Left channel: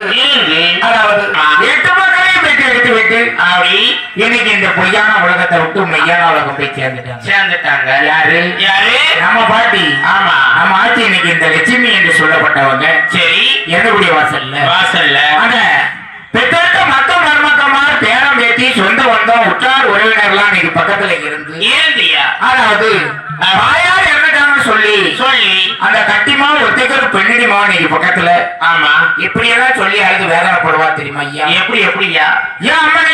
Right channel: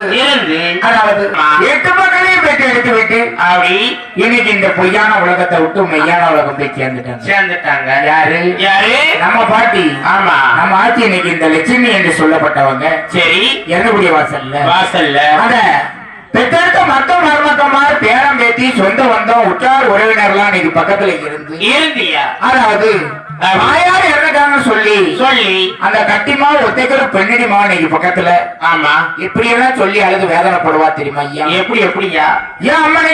அதாவது ஆ. எட்டு மக்களையும் பெற்று எடுத்து விட்டு அப்படி இன்னைக்கு இந்த பொய்யான உலகத்தை விட்டு மெய்யான உலகம் போய் சேர்ந்துட்டாங்க. சேர்ந்துட்டாங்க. யாரு? யாரு? நம்ம பாட்டி. ஆமா. நம்ம ஆட்சி இன்னைக்கு இந்த லட்சுமி என்று சொல்லப்பட்டவங்க. சரி. இறந்தக்கூடிய வாசல்ல. வாசல்ல. அத பெற்றெடுத்த மக்கள் மருமக்கமார் பேரம் பேத்தி சொந்த வந்தோம் உற்றார் உறவினர்லாம் இன்னைக்கு பக்கத்துல இருந்து இருந்தியா அதாவது இறந்துட்டாங்கன்னு சொல்லி சொல்லி அந்த கட்டிமா ஒத்தைக்கிற பெண்ணடி மாவன் இன்னைக்கு பக்கத்துல ஆமா. இப்படியெல்லாம் சொல்லி அழுது வேதனைப்படுவா தெரியுமா ஐயா? எப்படி எப்படியா? என் அம்மனுக்கு